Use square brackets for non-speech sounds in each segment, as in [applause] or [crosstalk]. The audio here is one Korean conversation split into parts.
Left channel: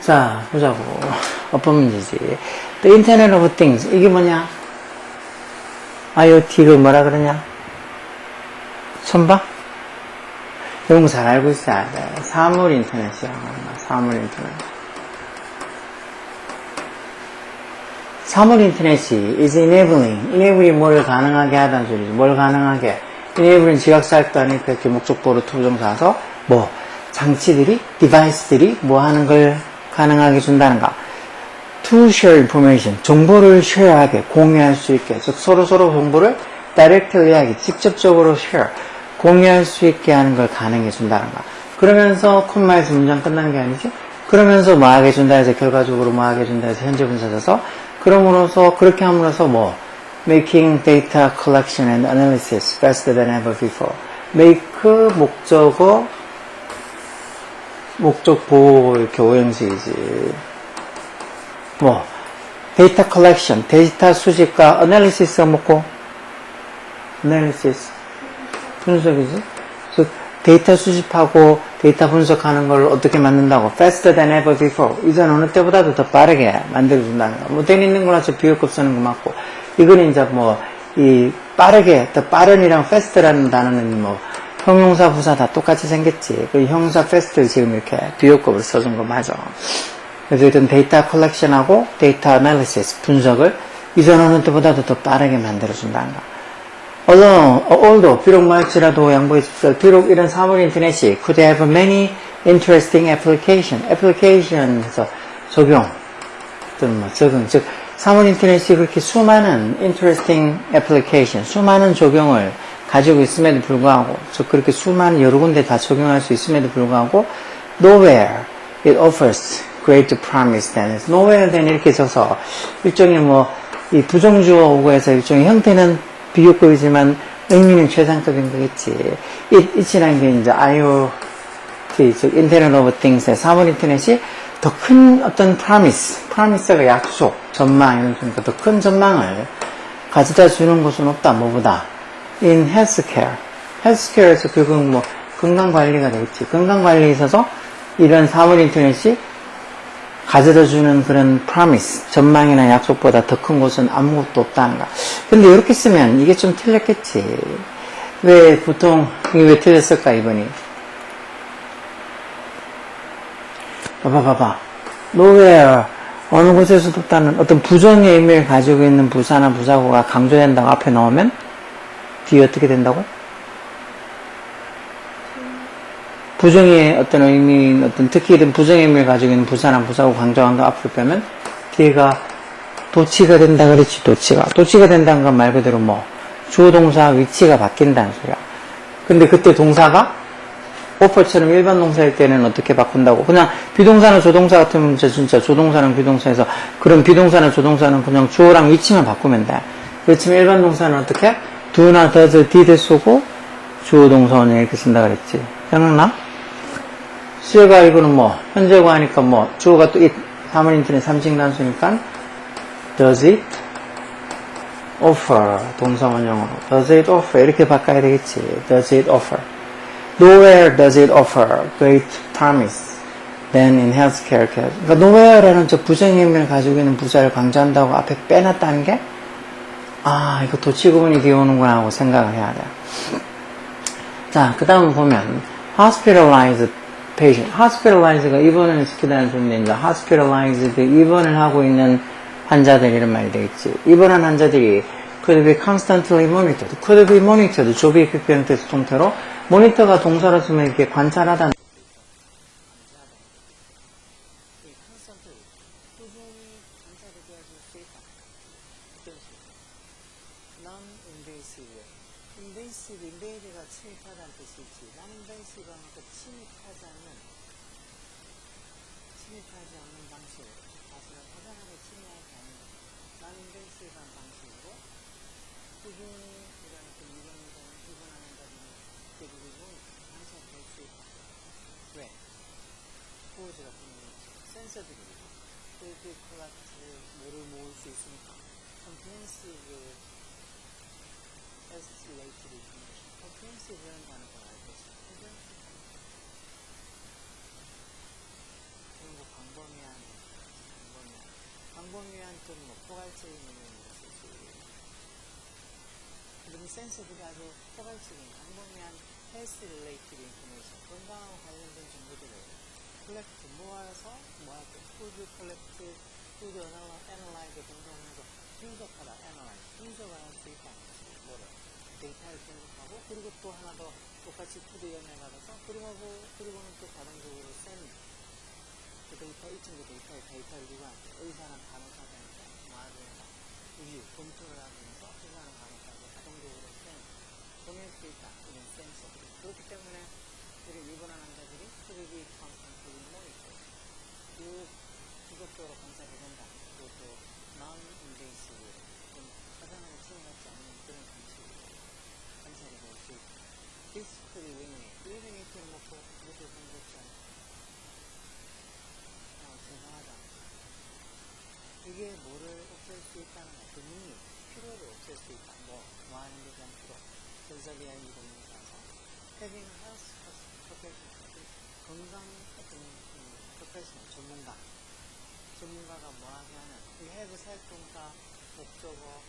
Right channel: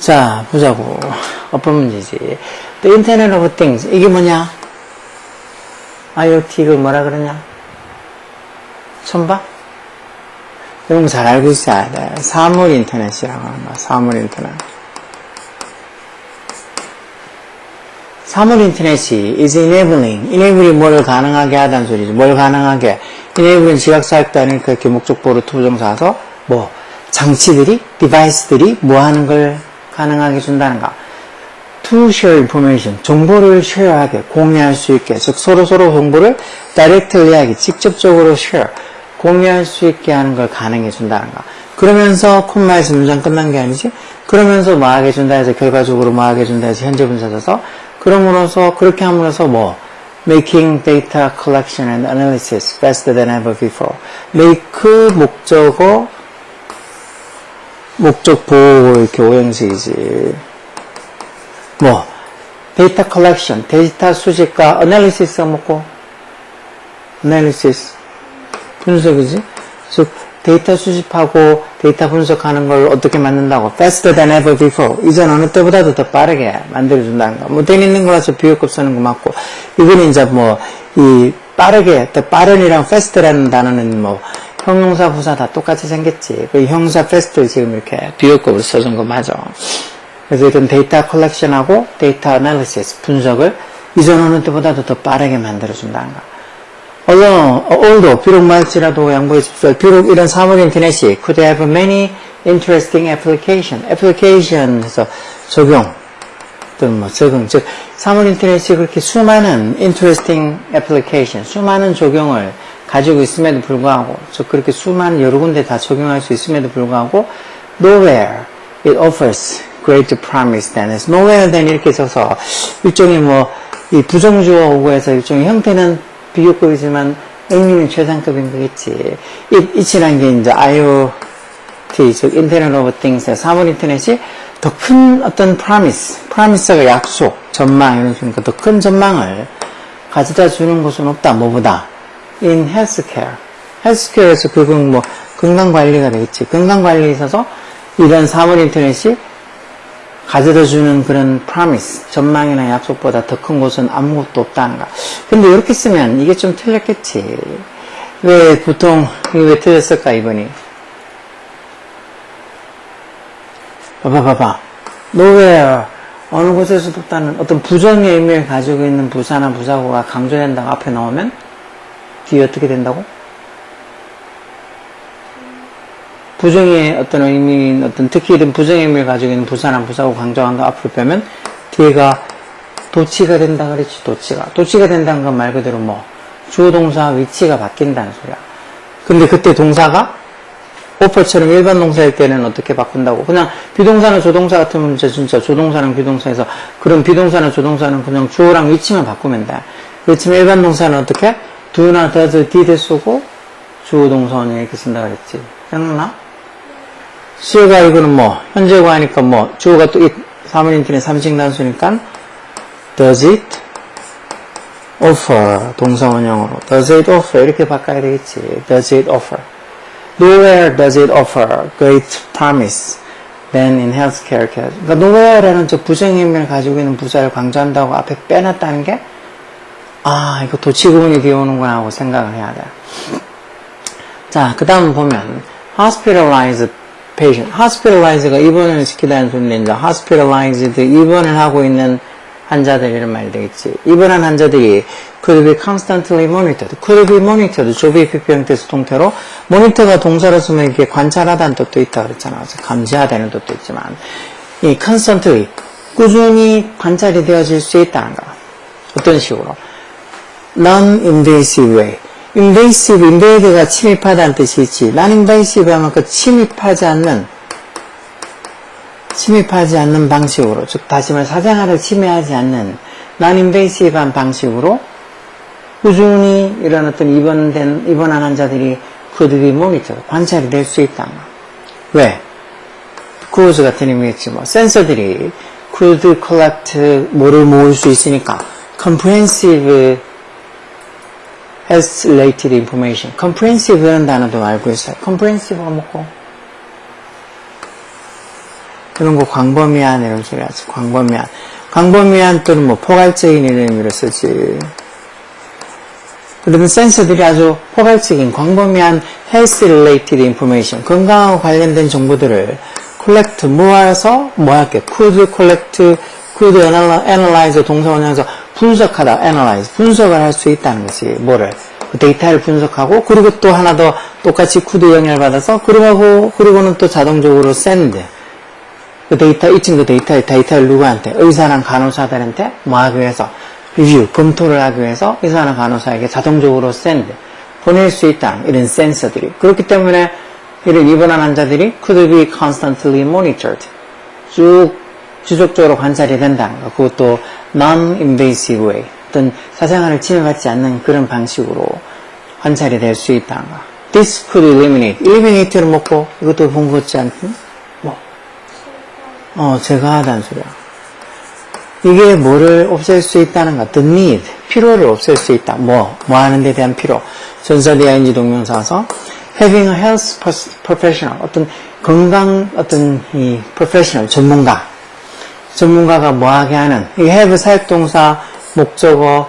자, 보자고. 어떤 문제지? The Internet of Things. 이게 뭐냐? IoT 그 뭐라 그러냐? 봐? 이런 거 잘 알고 있어야 돼. 사물 인터넷이라고 한다. 사물 인터넷. 사물 인터넷이 is enabling. enabling 뭘 가능하게 하다는 소리지. 뭘 가능하게. enabling 지각사역도 아니니까 이렇게 목적보로 투부정사서 뭐 장치들이, 디바이스들이 뭐 하는 걸 가능하게 준다는가. to share information. 정보를 share하게, 공유할 수 있게. 즉, 서로 서로 정보를 directly 하게, 직접적으로 share, 공유할 수 있게 하는 걸 가능해 준다는가. 그러면서 콤마에서 문장 끝난 게 아니지. 그러면서 뭐 하게 준다 해서 결과적으로 뭐 하게 준다 해서 현재 분사 져서 그럼으로써 그렇게 함으로써 뭐 making data collection and analysis faster than ever before. make 목적어 목적 보호 이렇게 오형식이지. 뭐 데이터 컬렉션, 데이터 수집과 어널리시스가 뭐고 어널리시스 분석이지. 즉 데이터 수집하고 데이터 분석하는 걸 어떻게 만든다고 faster than ever before 이전 어느 때보다도 더 빠르게 만들어준다는 거. 뭐 되는 거라서 비교급 쓰는 거 맞고 이거는 이제 뭐 이 빠르게 더 빠른이랑 fast라는 단어는 뭐 형용사 부사 다 똑같이 생겼지. 그 형사 fast를 지금 이렇게 비교급으로 써준 거 맞아. 그래서 일단 데이터 컬렉션하고 데이터 애널리시스 분석을 이전 어느 때보다도 더 빠르게 만들어준다는 거. Although, although 비록 말지라도 줍시오. 비록 이런 사물 인터넷이 could have many interesting application, application에서 적용 또는 뭐 적용, 즉 사물 인터넷이 그렇게 수많은 interesting application, 수많은 적용을 가지고 있음에도 불구하고, 즉 그렇게 수많은 여러 군데 다 적용할 수 있음에도 불구하고 nowhere it offers great promise than is nowhere than 이렇게 써서 일종의 뭐 이 부정주어고 해서 일종의 형태는 비교급이지만 의미는 최상급인 거겠지. 이, 이치란 게 이제 IoT, 즉 Internet of Things의 사물 인터넷이 더 큰 어떤 promise, promise가 약속, 전망 이런 식으니까 더큰 전망을 가져다 주는 곳은 없다. 뭐보다 in healthcare, healthcare에서 그건 뭐 건강 관리가 되겠지. 건강 관리에 있어서 이런 사물 인터넷이 가져다 주는 그런 promise, 전망이나 약속보다 더 큰 곳은 아무것도 없다는 거. 근데 이렇게 쓰면 이게 좀 틀렸겠지. 왜 보통 이게 왜 틀렸을까 이번이? 봐봐 봐봐. nowhere 어느 곳에서도 없다는 어떤 부정의 의미를 가지고 있는 부사나 부사고가 강조된다고 앞에 나오면 뒤에 어떻게 된다고? 부정의 어떤 의미, 어떤 특히 이런 부정의 의미를 가지고 있는 부사나 부사고 강조한다 앞으로 빼면 뒤에가 도치가 된다 그랬지 도치가 도치가 된다는 건 말 그대로 뭐 주어 동사 위치가 바뀐다는 소리야. 근데 그때 동사가 오퍼처럼 일반 동사일 때는 어떻게 바꾼다고? 그냥 비동사나 조동사 같으면 진짜, 조동사랑 비동사에서 그런 비동사나 조동사는 그냥 주어랑 위치만 바꾸면 돼. 그렇지만 일반 동사는 어떻게? do나 does, 쓰고 주어 동사원을 이렇게 쓴다 그랬지. 생각나? 수요가 이거는 뭐 현재고 하니까 뭐 주어가 또이 사물 인터넷 삼식 단수니까 does it offer 동사 원형으로 does it offer 이렇게 바꿔야 되겠지. does it offer nowhere does it offer great promise than in healthcare. 그러니까 nowhere라는 저 부정의 의미를 가지고 있는 부사를 강조한다고 앞에 빼놨다는 게 아, 이거 도치구문이 되어오는구나 하고 생각을 해야 돼. 자, 그 다음 보면 hospitalized patient. hospitalize가 입원을 시키다는 이제 hospitalized 입원을 하고 있는 환자들 이런 말이 되겠지. 입원한 환자들이 could be constantly monitored. could be monitored. 조비 PP 형태에서 통태로 모니터가 동사로 쓰면 이게 관찰하다는 뜻도 있다 그랬잖아. 그래서 감시하다는 뜻도 있지만 이 constantly 꾸준히 관찰이 되어질 수 있다는 거. 어떤 식으로? non-invasive way. Invasive, invade가 침입하다는 뜻이 있지. non-invasive 하면 그 침입하지 않는, 침입하지 않는 방식으로, 즉, 다시 말해, 사생활을 침해하지 않는 non-invasive한 방식으로 꾸준히 이런 어떤 입원된, 입원한 환자들이 그들이 모니터, 관찰이 될 수 있다. 왜? cruise 같은 의미겠지, 뭐. 센서들이 could collect 뭐를 모을 수 있으니까 comprehensive has related information. comprehensive라는 단어도 알고 있어요. comprehensive가 뭐고? 이런 거 광범위한 이런 소리 하지. 광범위한. 광범위한 또는 뭐 포괄적인 이런 의미로 쓰지. 그러면 센서들이 아주 포괄적인 광범위한 health related information, 건강하고 관련된 정보들을 collect, 모아서 뭐 할게? could collect, could analy- analyze 동사원형에서 분석하다, analyze, 분석을 할 수 있다는 거지. 뭐를? 그 데이터를 분석하고, 그리고 또 하나 더 똑같이 could 영향을 받아서, 그리고, 그리고는 또 자동적으로 send. 그 데이터, 이층 그 데이터, 데이터를 누구한테? 의사랑 간호사들한테 뭐 하기 위해서? 리뷰, 검토를 하기 위해서 의사나 간호사에게 자동적으로 send, 보낼 수 있다. 이런 센서들이. 그렇기 때문에 이런 입원한 환자들이 could be constantly monitored. 쭉 지속적으로 관찰이 된다는 거. 그것도 non-invasive way. 어떤 사생활을 침해받지 않는 그런 방식으로 관찰이 될 수 있다는 거. This could eliminate. eliminate를 먹고 이것도 같지 않니? 뭐? 어, 제가 하다는 소리야. 이게 뭐를 없앨 수 있다는 가? The need. 필요를 없앨 수 있다. 뭐? 뭐 하는 데 대한 필요. 전사디 ing 동명사서 having a health professional. 어떤 건강, 어떤 이 professional, 전문가. 전문가가 뭐 하게 하는. 이 have 사역동사, 목적어,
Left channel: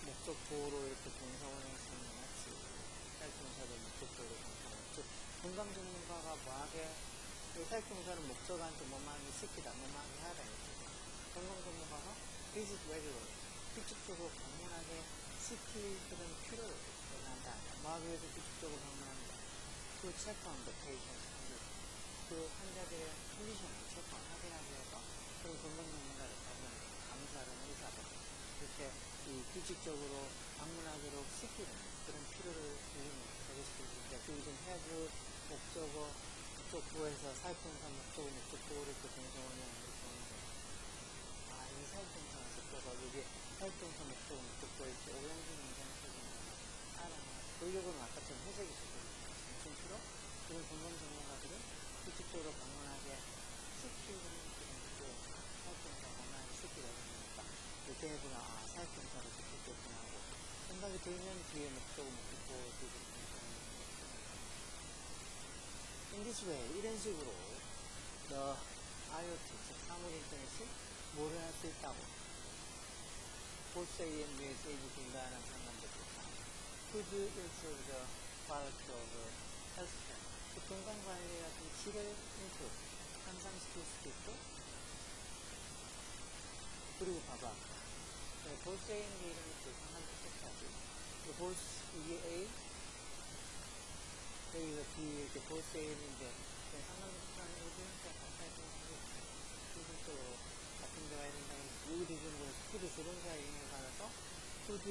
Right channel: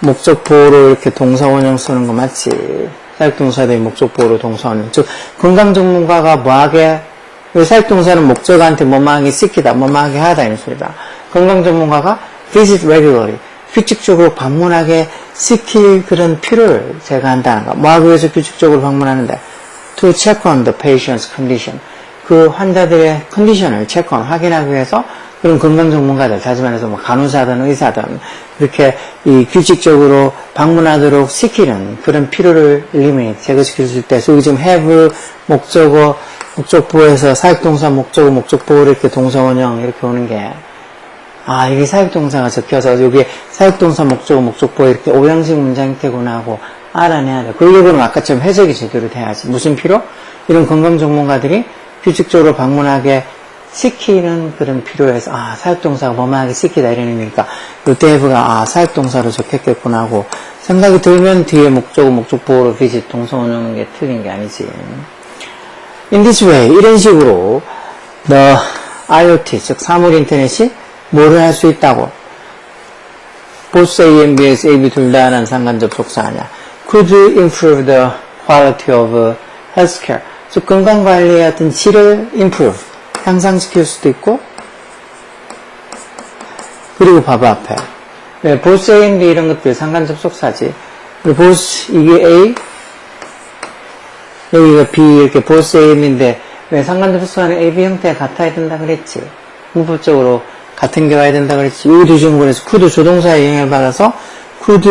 목적 보호로 이렇게 동사 원형 쓰는 거 맞지? 사역동사들이 목적 보호로 동사 원형. 즉, 건강 전문가가 뭐 하게 이 사역동사는 목적어한테 뭐뭐하게 시키다, 뭐뭐하게 하다, 이런 소리다. 건강 전문가가 visit regularly, 규칙적으로 방문하게 시킬 그런 필요를 제가 한다는 거. 뭐 하기 위해서 규칙적으로 방문하는데? To check on the patient's condition. 그 환자들의 컨디션을 체크 on, 확인하기 위해서 그런 건강 전문가들, 다시 말해서 뭐 간호사든 의사든 이렇게 이 규칙적으로 방문하도록 시키는 그런 필요를 eliminate, 제거시킬 수. 그래서 여기 지금 have, 목적어, 목적보에서 사역동사, 목적어, 목적보를 이렇게 동사원형 이렇게 오는 게 아, 이게 사역동사가 적혀서 여기에 사역동사, 목적어, 목적보 이렇게 오형식 문장 형태구나 하고 알아내야 돼. 그러려면 아까처럼 해석이 제대로 돼야지. 무슨 필요? 이런 건강 전문가들이 규칙적으로 방문하게 시키는 그런 필요에서 아, 사역동사가 뭐뭐하게 시키다 요때 해부가 아, 사역동사로 적혔겠구나 하고 생각이 들면 뒤에 목적어, 목적보로 비짓 동사 원형인 게 틀린 게 아니지. In this way, 이런 식으로 the IoT, 즉 사물 인터넷이 뭐를 할 수 있다고? both A and B에서 A, B 둘 다는 상관 접속사 아니야. could improve the quality of healthcare. 즉 건강관리의 어떤 질을 improve, 향상시킬 수도 있고 그리고 봐봐 앞에 네, both A B 이런 것들 상관 접속사지. 그리고 both 이게 A 여기가 B 이렇게 both A and B인데 왜 상관 접속사는 A, B 형태가 같아야 된다 그랬지. 문법적으로 같은 게 와야 된다 그랬지. 이 두중문에서 could 조동사의 영향을 받아서 could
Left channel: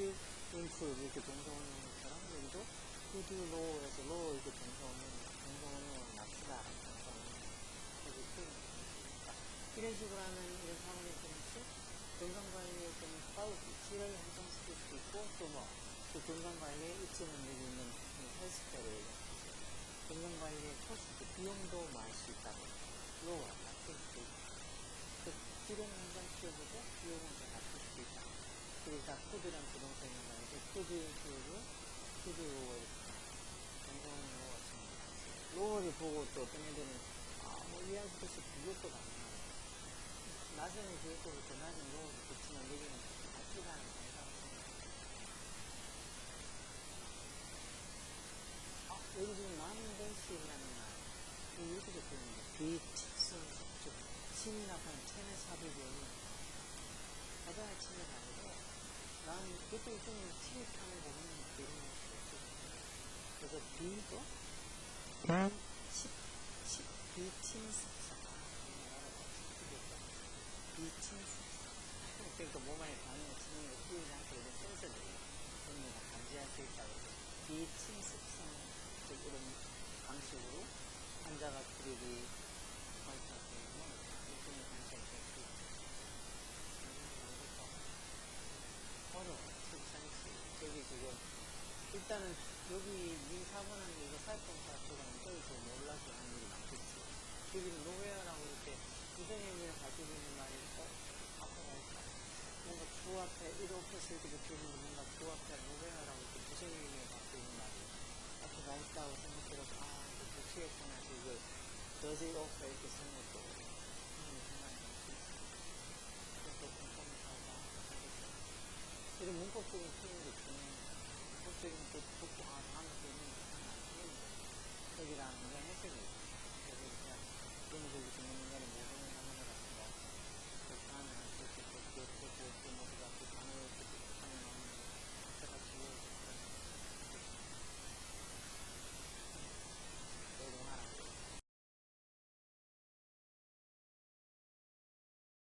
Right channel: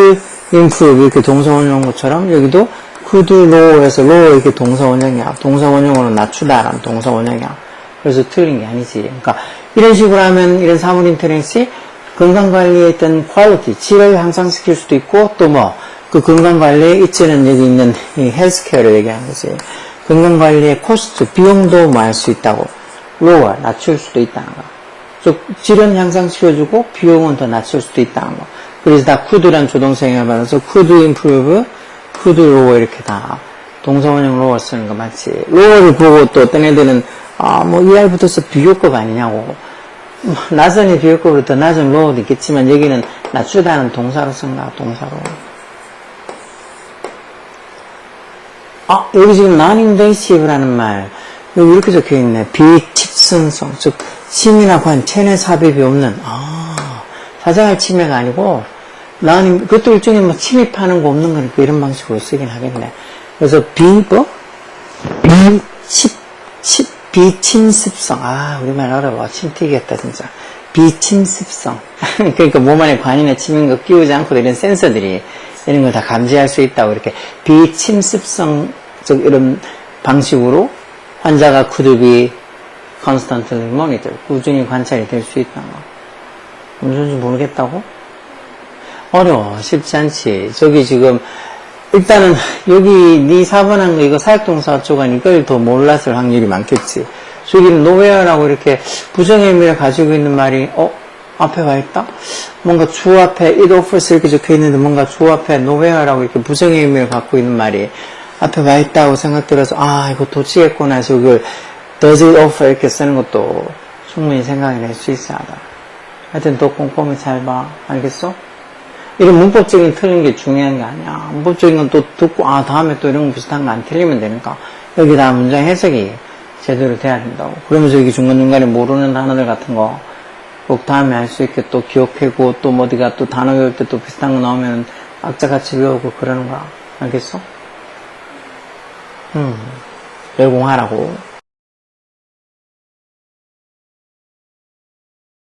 improve 이렇게 동사 원형 것처럼 여기도 could low에서 low 이렇게 동사 원형이야. 동사 원형으로 낮추다라는 동사 원형이야. 그래서 틀린 게 아니지. 그러니까 이런 식으로 하면 이런 사물 인터넷이 건강관리에 있던 퀄리티, 질을 향상시킬 수도 있고 또 뭐 그 건강관리에 있지는 여기 있는 이 헬스케어를 얘기하는 거지. 건강관리의 코스트, 비용도 뭐 할 수 있다고. lower, 낮출 수도 있다는 거. 즉, 질은 향상시켜주고 비용은 더 낮출 수도 있다는 거. 그래서 다 could란 조동사형을 받아서 could improve, could lower 이렇게 다 동사원형 lower 쓰는 거 맞지. lower를 보고 또 어떤 애들은 아, 뭐 ER 붙어서 비교급 아니냐고. 뭐, 낮은이 비교급으로 더 낮은 lower도 있겠지만 여기는 낮추다는 동사로 쓴가 동사로. 아, 여기 지금 non-invasive라는 말, 여기 이렇게 적혀 있네. 비집선성, 즉, 침이나 관, 체내 삽입이 없는, 아, 사생활 침해가 아니고, non, 그것도 일종의 뭐 침입하는 거 없는 거니까 이런 방식으로 쓰긴 하겠네. 그래서 비, 뭐? 비칩, 칩, 비침습성. 아, 우리말 어려워. 침 튀겠다, 진짜. 비침습성. [laughs] 그러니까 몸 안에 관이나 침인 거 끼우지 않고 이런 센서들이 이런 걸 다 감지할 수 있다고 이렇게 비침습성, 즉, 이런 방식으로 환자가 be constantly monitored. 꾸준히 관찰이 될 수 있다는 거. 무슨지 모르겠다고? 어려워. 쉽지 않지. 저기 지금, 일단은, 여기, 네 4번 한 거, 이거 사역동사 쪽은 이걸 더 몰랐을 확률이 많겠지. 저기는 노웨어라고 이렇게 부정의 의미를 가지고 있는 말이, 어, 앞에 와 있다? 뭔가 주 앞에 it offers 이렇게 적혀 있는데 뭔가 주 앞에 nowhere라고 이렇게 부정의 의미를 갖고 있는 말이 앞에 와 있다고 생각 들어서 아 이거 도치겠구나 해서 이걸 does it offer 이렇게 쓰는 것도 충분히 생각이 낼수 있어 하다. 하여튼 더 꼼꼼히 잘 봐. 알겠어? 이런 문법적인 틀린 게 중요한 게 아니야. 문법적인 건 또 듣고, 아, 다음에 또 이런 거 비슷한 거 안 틀리면 되니까. 여기다 문장 해석이 제대로 돼야 된다고. 그러면서 여기 중간중간에 모르는 단어들 같은 거 꼭 다음에 할 수 있게 또 기억하고 또뭐 어디가 또 단어 외울 때 또 비슷한 거 나오면 악자같이 외우고 그러는 거야. 알겠어? 음, 열공하라고.